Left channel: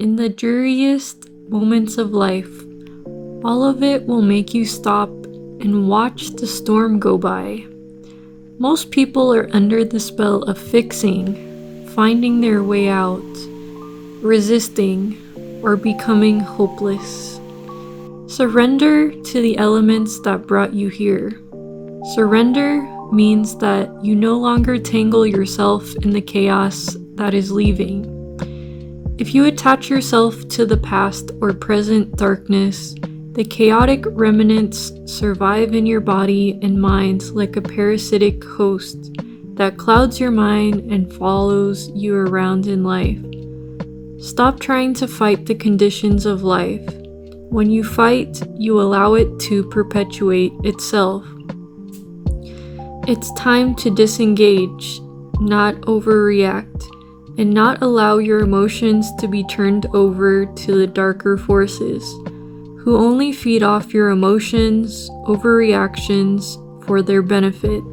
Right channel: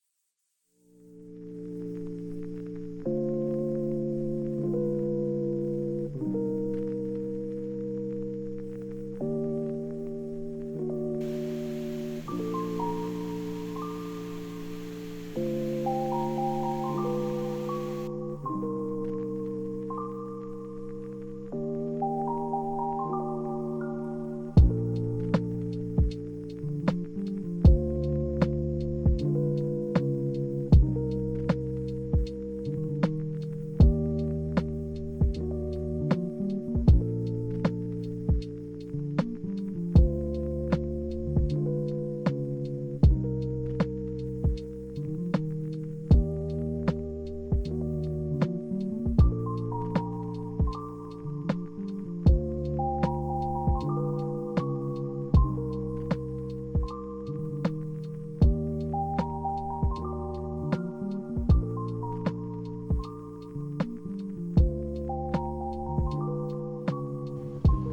In the dreariest moments of life, all of it will make you stop and watch the storm go by. Most people are under the spell of fixing, finding their way out, resisting, or becoming hopeless. Surrender to the elements that brought you here. Surrender means that you no longer tangle yourself in the chaos that is leaving. If you attach yourself to the past or present darkness, the chaotic remnants survive in your body and mind like a parasitic host that clouds your mind and follows you around in life. Stop trying to fight the conditions of life. When you fight, you allow it to perpetuate itself. It's time to disengage, not overreact, and not allow your emotions to be turned over to the darker forces, who only feed off your emotions, overreactions for their benefit.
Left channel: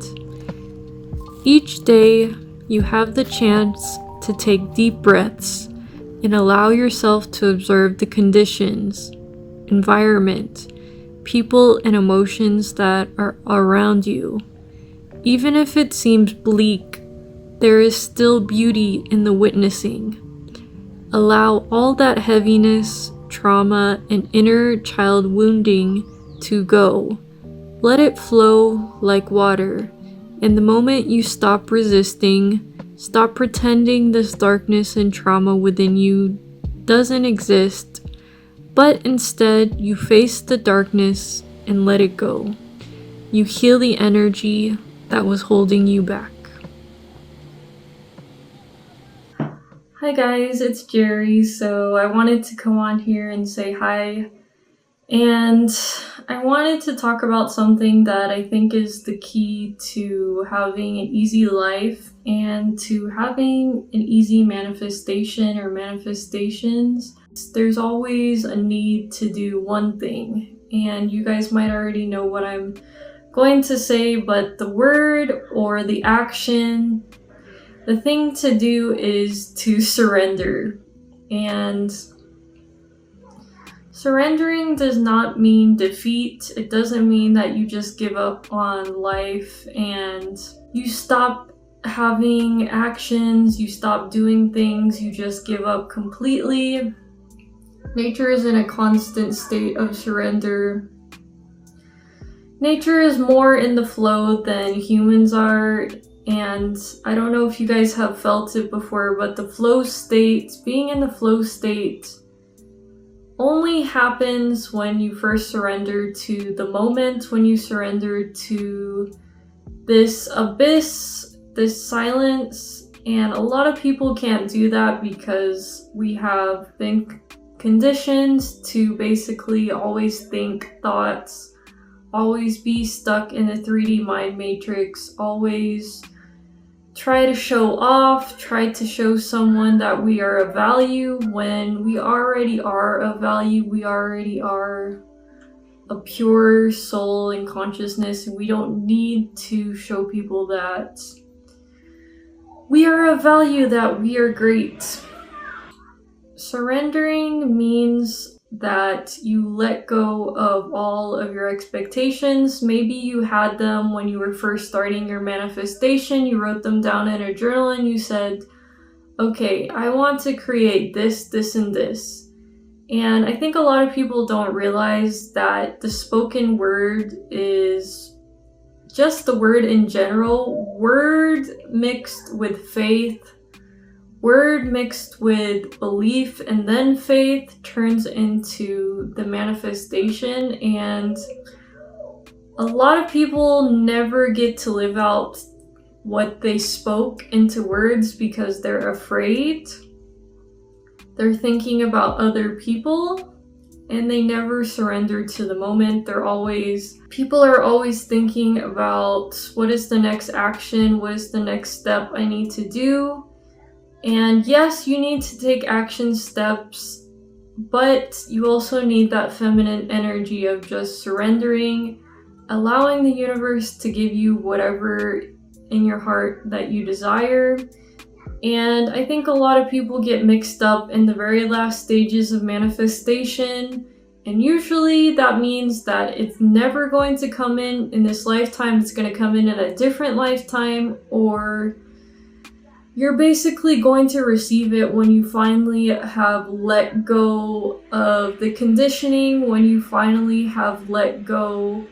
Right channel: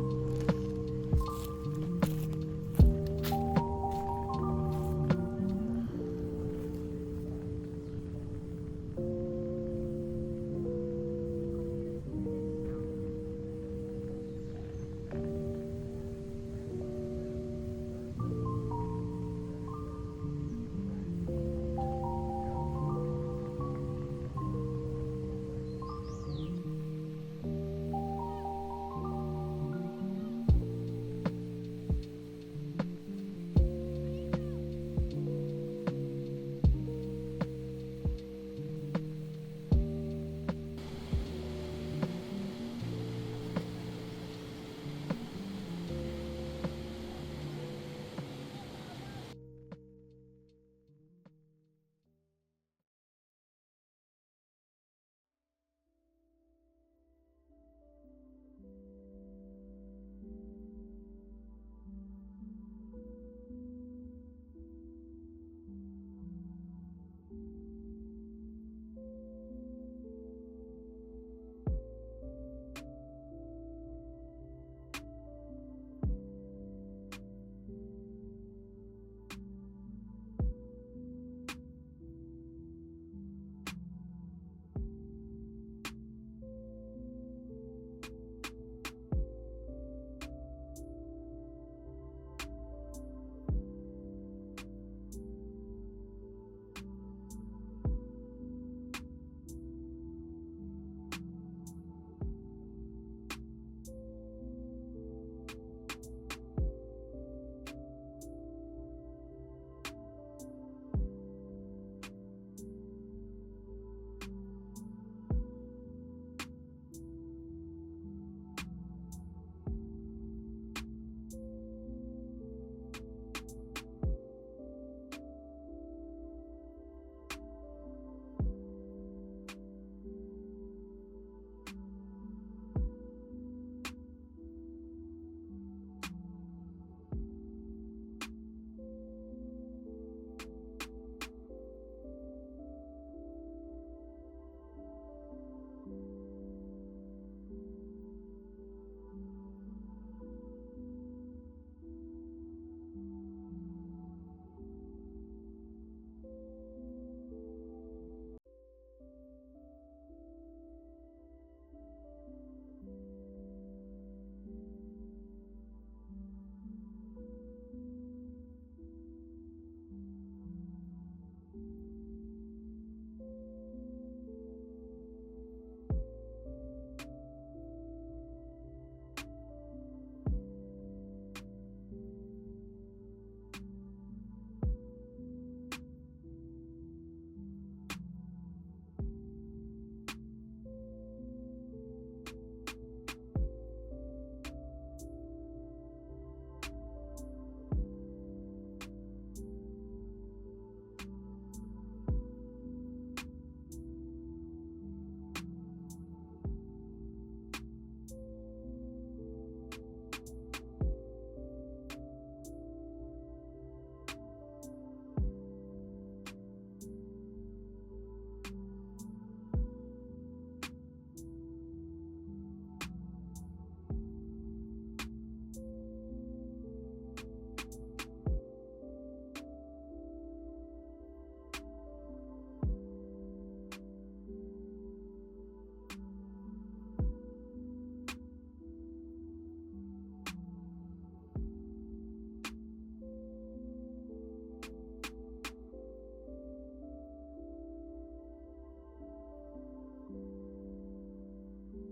Each day, you have the chance to take deep breaths and allow yourself to observe the conditions, environment, people, and emotions that are around you. Even if it seems bleak, there is still beauty in the witnessing. Allow all that heaviness, trauma, and inner child wounding to go. Let it flow like water. And the moment you stop resisting, stop pretending this darkness and trauma within you doesn't exist, but instead you face the darkness and let it go. You heal the energy that was holding you back. Hi guys, it's Jerry. So I wanted to come on here and say hi. And I wanted to talk about something that I think is the key to having an easy life and to having an easy manifestation or manifestations. There's always a need to do one thing, and you guys might already know what I'm going to say, but the word or the action, the thing to do is to surrender. And surrendering does not mean defeat. It doesn't mean that you just give up on life and you stop having actions, you stop doing things, you just give up completely. Nature is in a constant state of surrender. Nature is more in the flow than humans are, and I don't know if you guys have felt it before, but the flow state, being in the flow state, only happens when you first surrender to the moment, when you surrender to this abyss, this silence. And a lot of people can't do that because we have been conditioned to basically always think thoughts, always be stuck in the 3D mind matrix, always try to show off, try to show someone that we are of value when we already are of value. We already are a pure soul and consciousness, and we don't need to show people that we are of value, that we are great. Surrendering means that you let go of all of your expectations. Maybe you had them when you were first starting your manifestation. You wrote them down in a journal and you said, okay, I want to create this, this, and this. And I think a lot of people don't realize that the spoken word is just the word in general. Word mixed with faith, word mixed with belief, and then faith turns into the manifestation. And a lot of people never get to live out what they spoke into words because they're afraid. They're thinking about other people and they never surrender to the moment. People are always thinking about what is the next action, what is the next step I need to do. And yes, you need to take action steps, but you also need that feminine energy of just surrendering, allowing the universe to give you whatever in your heart that you desire, And I think a lot of people get mixed up in the very last stages of manifestation. And usually that means that it's never going to come in this lifetime, it's going to come in a different lifetime, or you're basically going to receive it when you finally have let go of the conditioning, when you finally have let go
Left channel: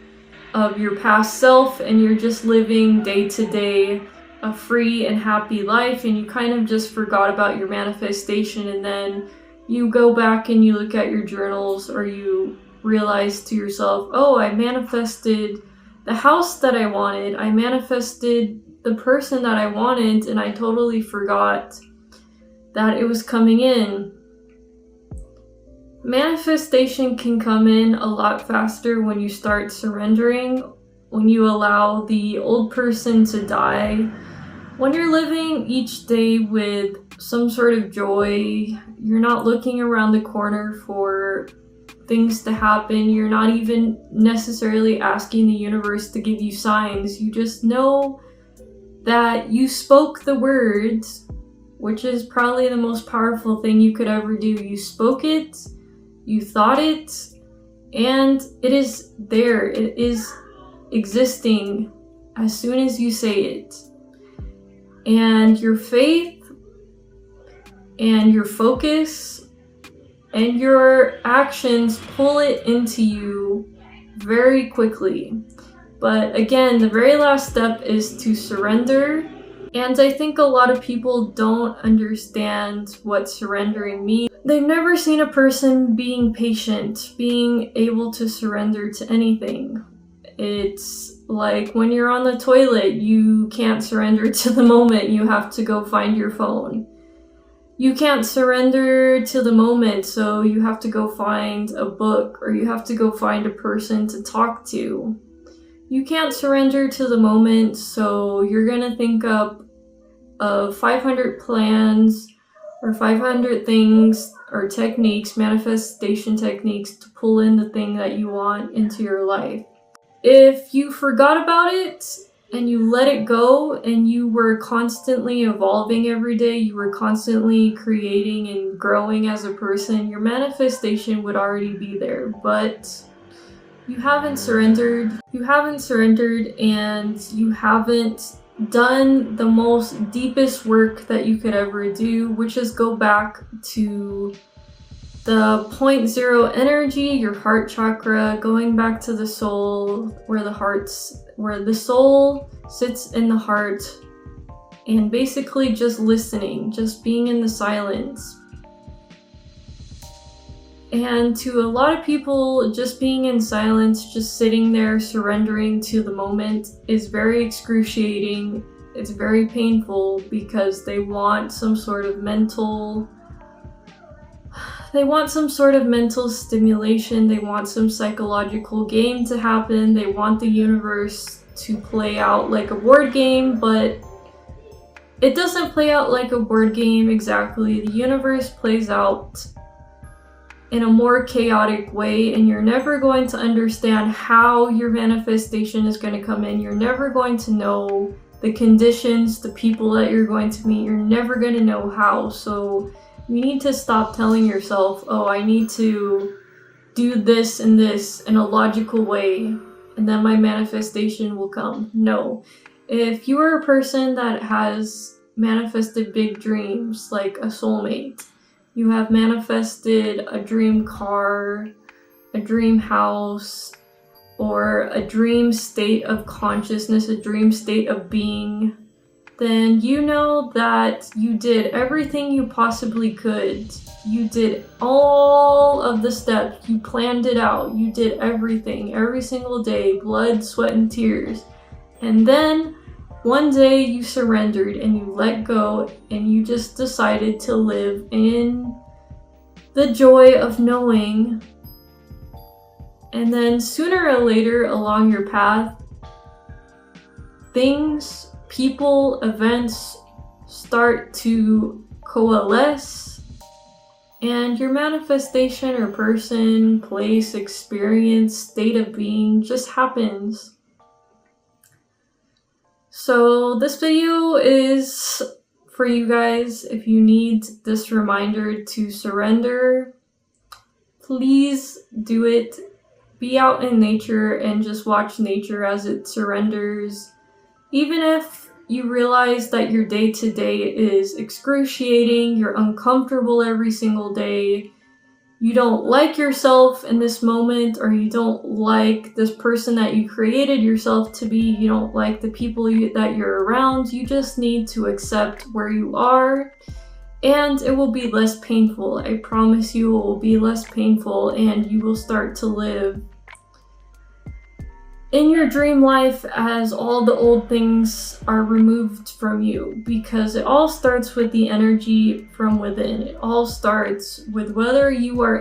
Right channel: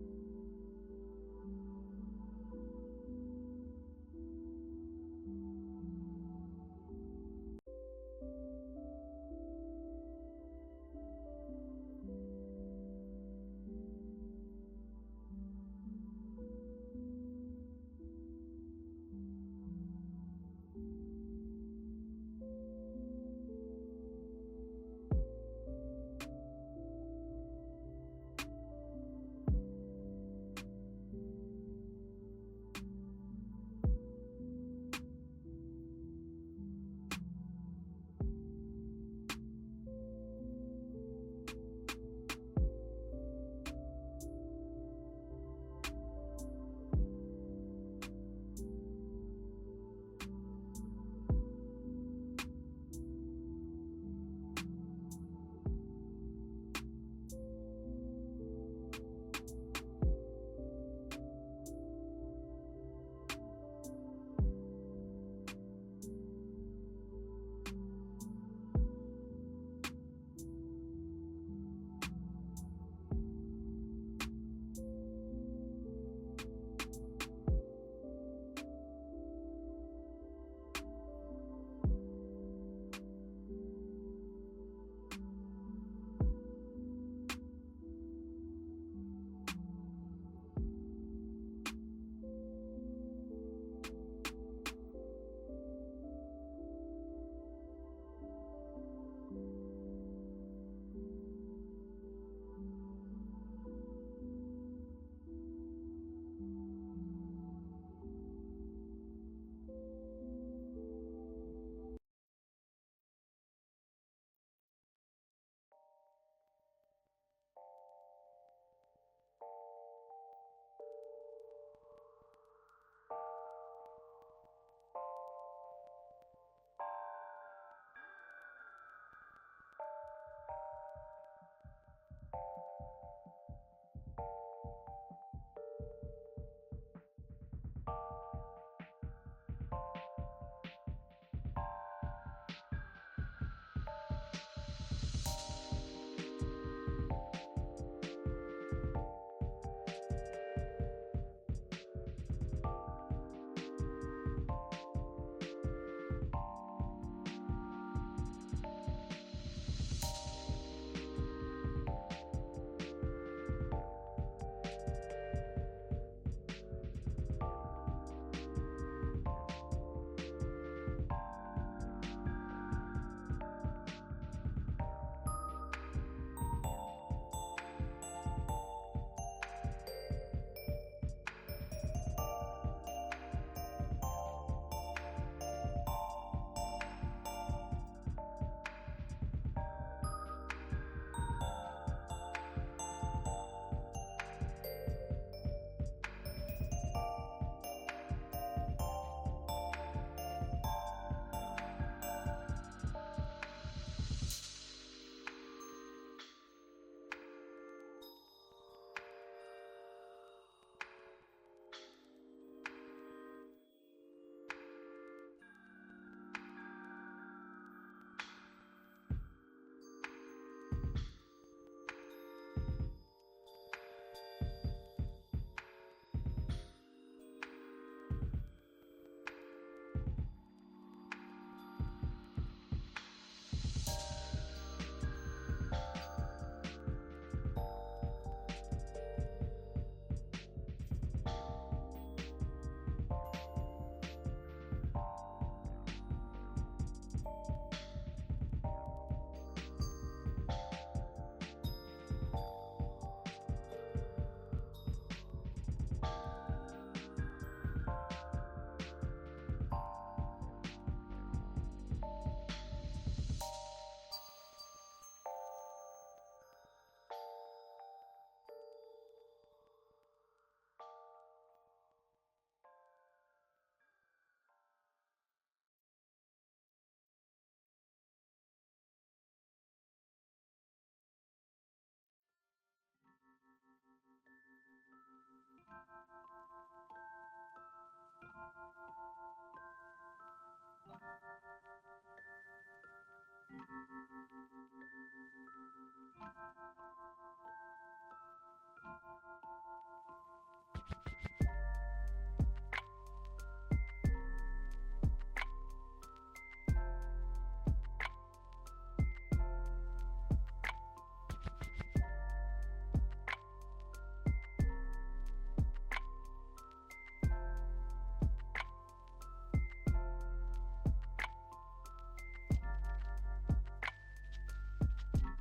of your past self and you're just living day to day a free and happy life, and you kind of just forgot about your manifestation, and then you go back and you look at your journals, or you realize to yourself, oh, I manifested the house that I wanted, I manifested the person that I wanted, and I totally forgot that it was coming in. Manifestation can come in a lot faster when you start surrendering, when you allow the old person to die, when you're living each day with some sort of joy. You're not looking around the corner for things to happen. You're not even necessarily asking the universe to give you signs. You just know that you spoke the words, which is probably the most powerful thing you could ever do. You spoke it, you thought it, and it is there. It is existing as soon as you say it. And your faith and your focus and your actions pull it into you very quickly. But again, the very last step is to surrender. And I think a lot of people don't understand what surrendering means. They've never seen a person being patient, being able to surrender to anything. It's like when you're on the toilet, you can't surrender to the moment, you have to go find your phone. You can't surrender to the moment, so you have to go find a book, or you have to go find a person to talk to. You can't surrender to the moment, so you're gonna think up of 500 plans or 500 things or techniques, manifestation techniques, to pull in the thing that you want into your life. If you forgot about it and you let it go, and you were constantly evolving every day, you were constantly creating and growing as a person, your manifestation would already be there. But you haven't surrendered, and you haven't done the most deepest work that you could ever do, which is go back to the 0 energy, your heart chakra, going back to the soul, where the soul sits in the heart, and basically just listening, just being in the silence. And to a lot of people, just being in silence, just sitting there surrendering to the moment is very excruciating. It's very painful because they want some sort of mental stimulation. They want some psychological game to happen. They want the universe to play out like a board game, but it doesn't play out like a board game exactly. The universe plays out in a more chaotic way, and you're never going to understand how your manifestation is going to come in. You're never going to know the conditions, the people that you're going to meet. You're never going to know how. So you need to stop telling yourself, oh, I need to do this and this in a logical way, and then my manifestation will come. No. If you are a person that has manifested big dreams, like a soulmate, you have manifested a dream car, a dream house, or a dream state of consciousness, a dream state of being, then you know that you did everything you possibly could. You did all of the steps. You planned it out. You did everything, every single day, blood, sweat, and tears. And then one day you surrendered and you let go, and you just decided to live in the joy of knowing. And then sooner or later along your path, things, people, events start to coalesce, and your manifestation or person, place, experience, state of being just happens. So this video is for you guys, if you need this reminder to surrender, please do it. Be out in nature and just watch nature as it surrenders. Even if you realize that your day-to-day is excruciating, you're uncomfortable every single day, you don't like yourself in this moment, or you don't like this person that you created yourself to be, you don't like the people that you're around, you just need to accept where you are, and it will be less painful. I promise you it will be less painful, and you will start to live in your dream life as all the old things are removed from you, because it all starts with the energy from within. It all starts with whether you are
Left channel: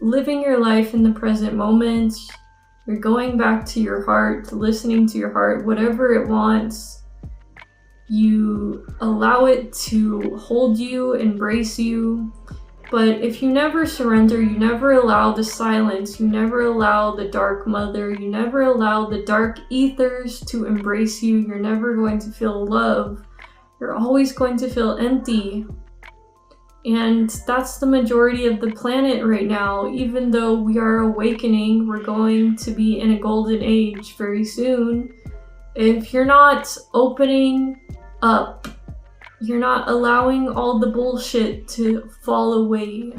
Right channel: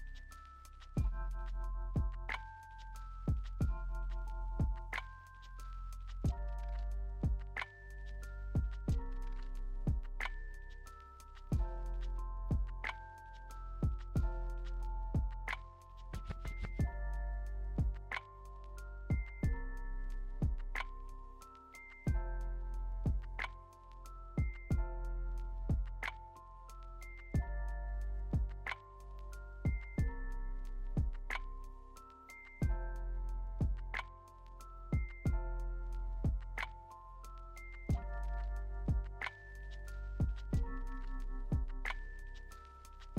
living your life in the present moment, you're going back to your heart, listening to your heart, whatever it wants. You allow it to hold you, embrace you. But if you never surrender, you never allow the silence, you never allow the dark mother, you never allow the dark ethers to embrace you, you're never going to feel love. You're always going to feel empty. And that's the majority of the planet right now. Even though we are awakening, we're going to be in a golden age very soon. If you're not opening up, you're not allowing all the bullshit to fall away.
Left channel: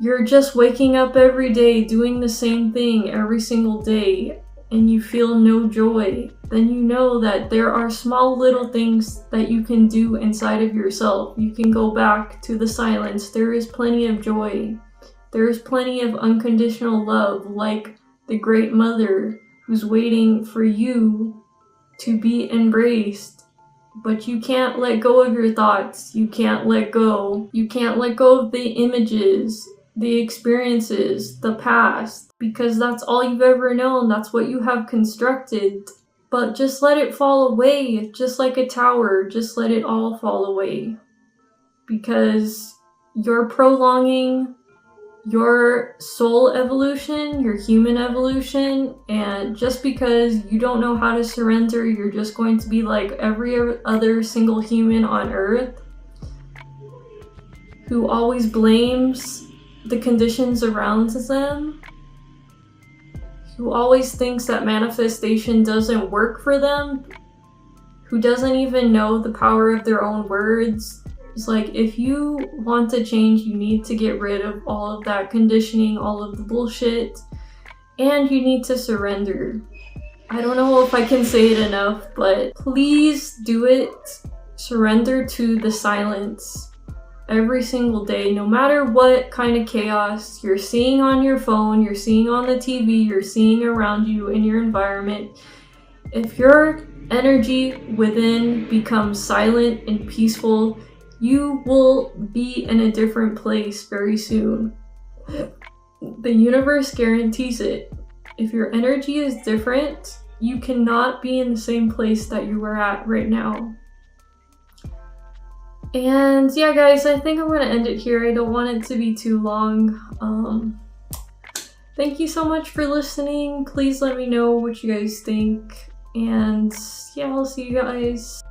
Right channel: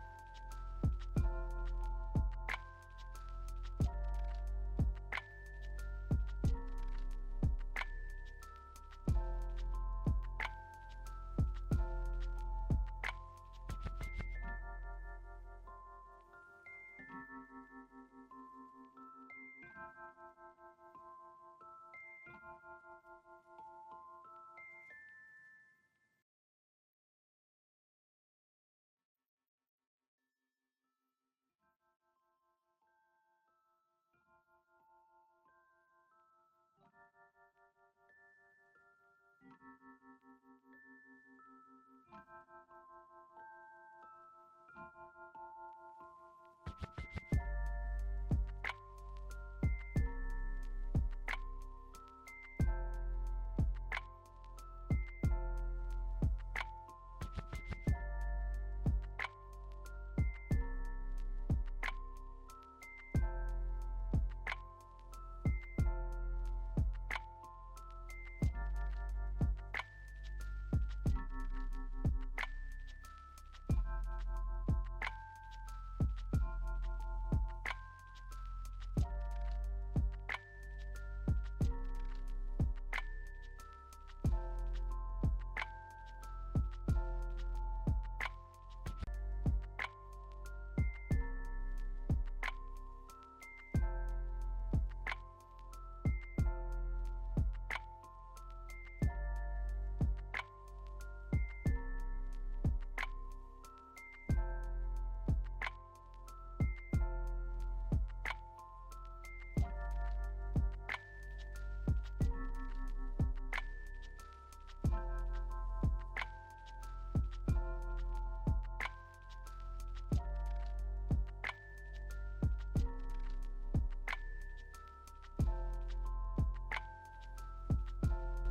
You're just waking up every day, doing the same thing every single day, and you feel no joy. Then you know that there are small little things that you can do inside of yourself. You can go back to the silence. There is plenty of joy. There is plenty of unconditional love, like the great mother who's waiting for you to be embraced. But you can't let go of your thoughts. You can't let go. You can't let go of the images, the experiences, the past, because that's all you've ever known. That's what you have constructed. But just let it fall away, just like a tower. Just let it all fall away. Because you're prolonging your soul evolution, your human evolution, and just because you don't know how to surrender, you're just going to be like every other single human on earth who always blames the conditions around them, who always thinks that manifestation doesn't work for them, who doesn't even know the power of their own words. It's like, if you want to change, you need to get rid of all of that conditioning, all of the bullshit, and you need to surrender. I don't know if I can say it enough, but please do it. Surrender to the silence every single day, no matter what kind of chaos you're seeing on your phone, you're seeing on the TV, you're seeing around you in your environment. If your energy within becomes silent and peaceful, you will be in a different place very soon. The universe guarantees it. If your energy is different, you cannot be in the same place that you are at right now. And yeah, guys, I think I'm gonna end it here. I don't want it to be too long. Thank you so much for listening. Please let me know what you guys think. And yeah, I'll see you guys